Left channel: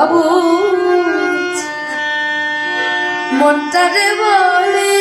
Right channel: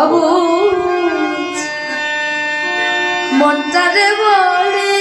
অবুঝ মনটারে বলে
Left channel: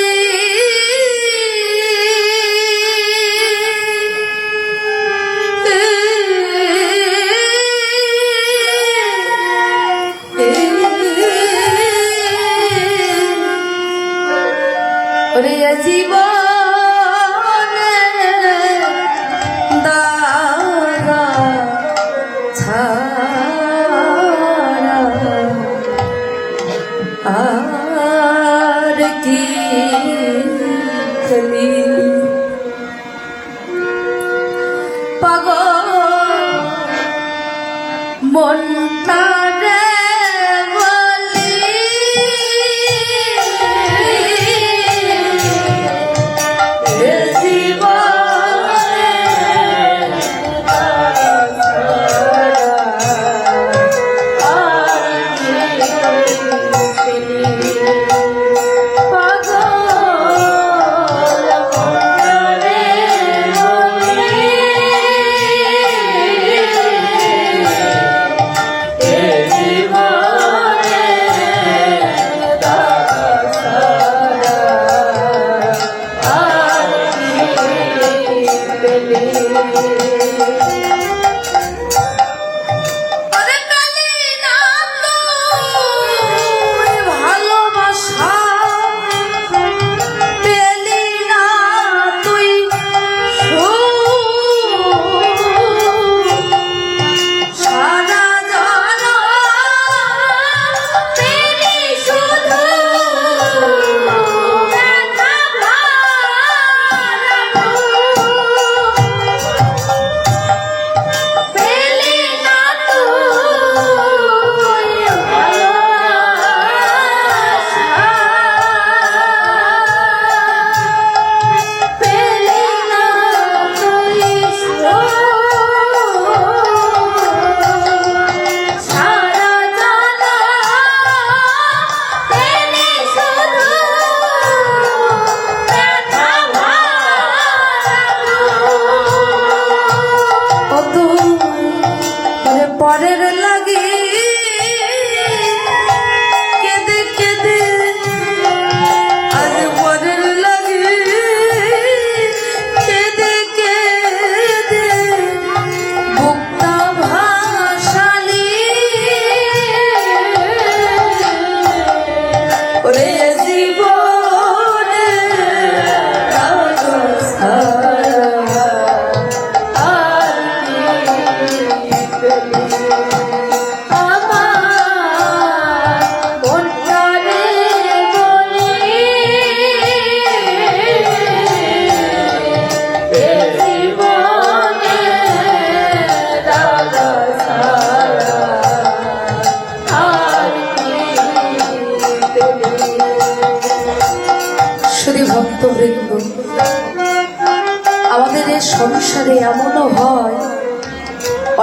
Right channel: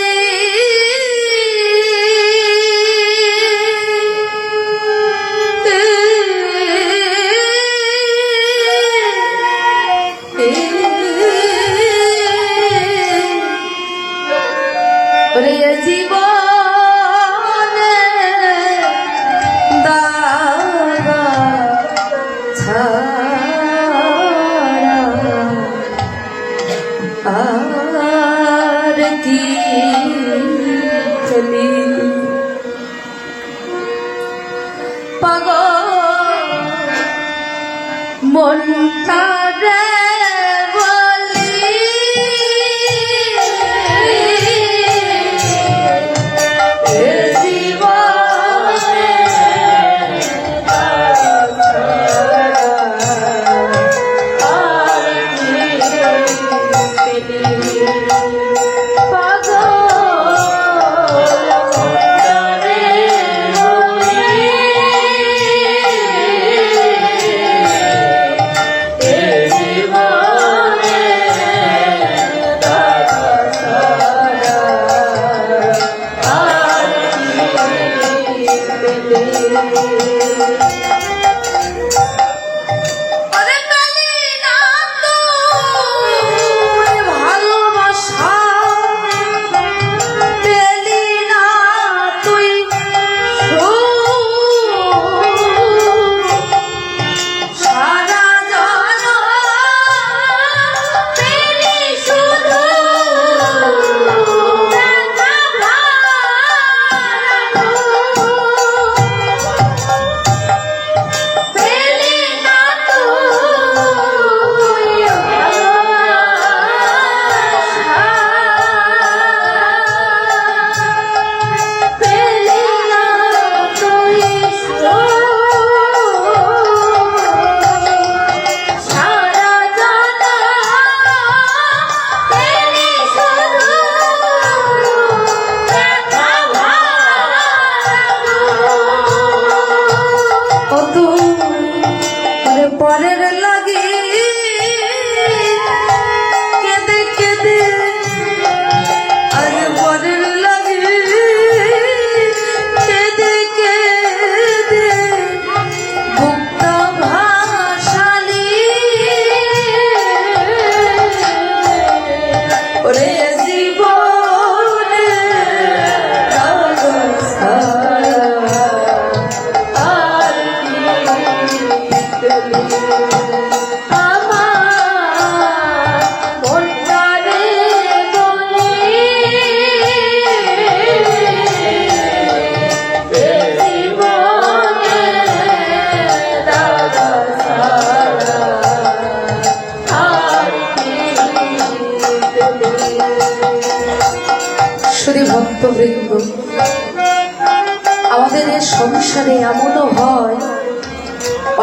আমাদের এই সংসারে এমনও হয়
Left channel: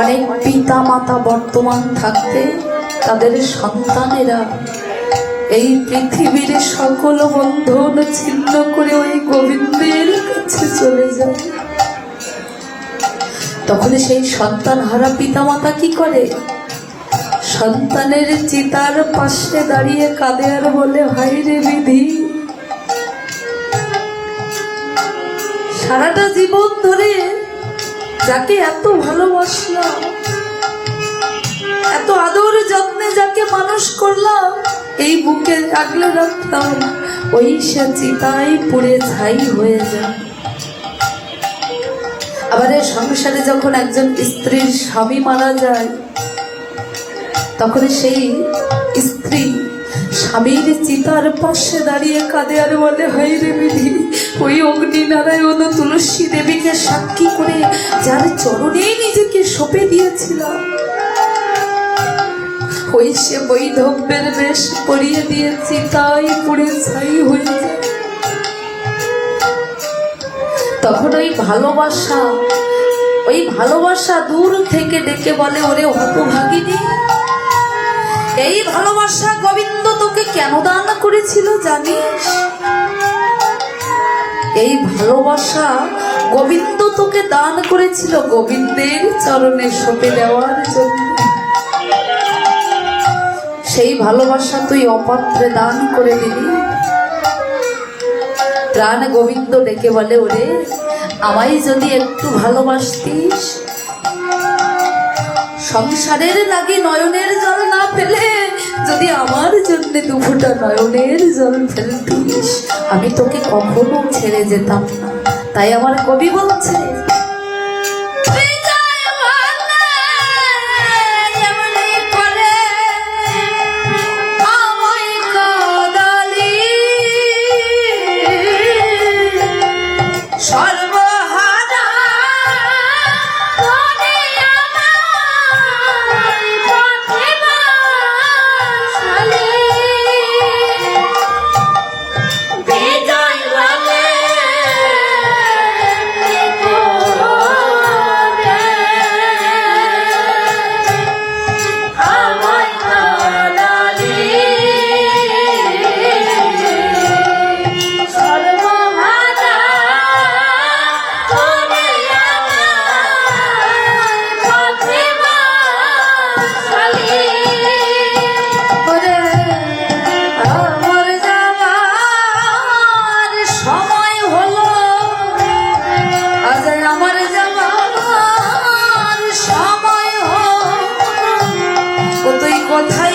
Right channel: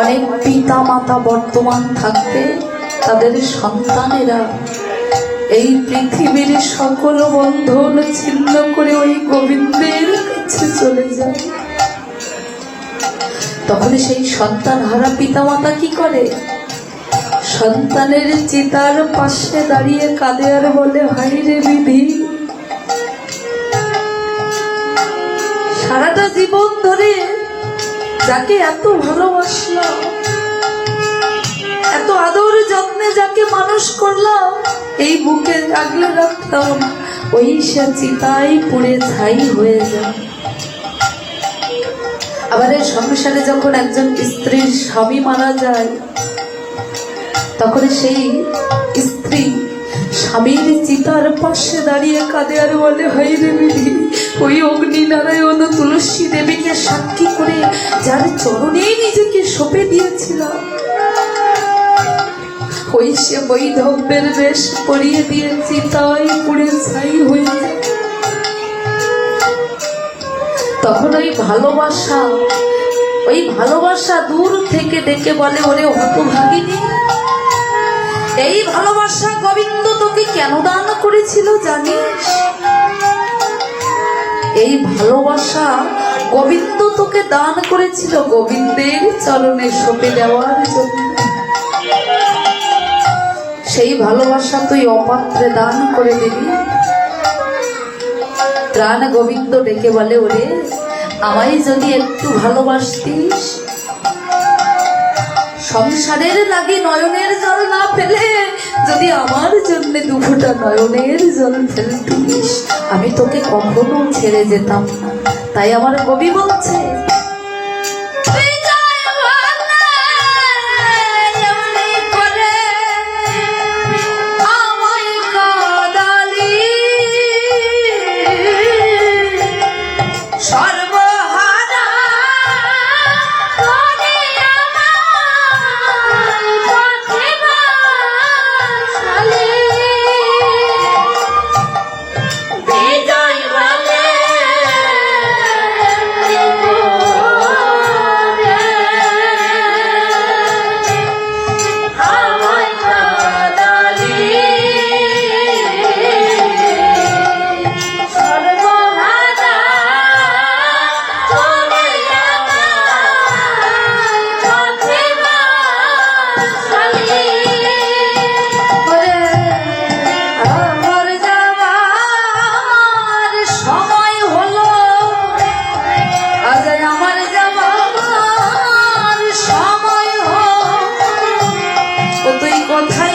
অনেক পিতা মাতা বর্তমান থাকতে তাদের সন্তানেরা এই পৃথিবীর সকল বন্ধন ছিন্ন করে ওই গোবিন্দের কাছে চলে যায়। তখন সেই সন্তান হারা পিতা মাতা কি করে? সন্তানের চিতার পাশে দাঁড়িয়ে কাঁদে আর বলে, হায় রে বিধি, সারাটা জীবন ধরে যাকে এত ভালোবাসলাম, এত আদর যত্নে যাকে মানুষ করলাম, এই বুকে আগলে রাখতাম, ওই সে চিতায় পুড়ে ছাই হয়ে যায়। আবার এই সংসারে যখন একজন স্ত্রীর স্বামী মারা যায়, তখন সেই স্ত্রী স্বামীর চিতার পাশে দাঁড়িয়ে কাঁদে আর বলে, হায় রে বিধি, ওই অগ্নি নারায়ণ তুলসী দেবীকে সাক্ষী করে যার চরণে নিজেকে সঁপে দিয়েছিলাম, ওই সে বৈধব্যের বেশ পরিয়ে দিয়েছি, তাই পুড়ে ছাই হয়েছে। তখন ওই ভালোবাসা দূর থেকে ডেকে বলে, ওরে হতভাগিনী, এই ভালোবাসা গোবিন্দ তোকে কেন দান করেছিল জানিস? এই ভালোবাসা গোবিন্দ তোকে দান করেছিল গোবিন্দের চরণে সঁপে দেওয়ার জন্য। সেই ভালোবাসা তুই অপাত্রে দান করে দিবি। প্রাণ গোবিন্দ ডেকে বলে, ওরে আমায় যদি একটু ভালোবাসতিস, সংসারের লাগি নয়নের জল না ফেলে যদি আমার জন্য দুফোঁটা নয়নের জল ফেলতিস, আমি তোকে কখনো ছেড়ে যেতাম না। তাই আমার কবি বলছে, তুই কোথায়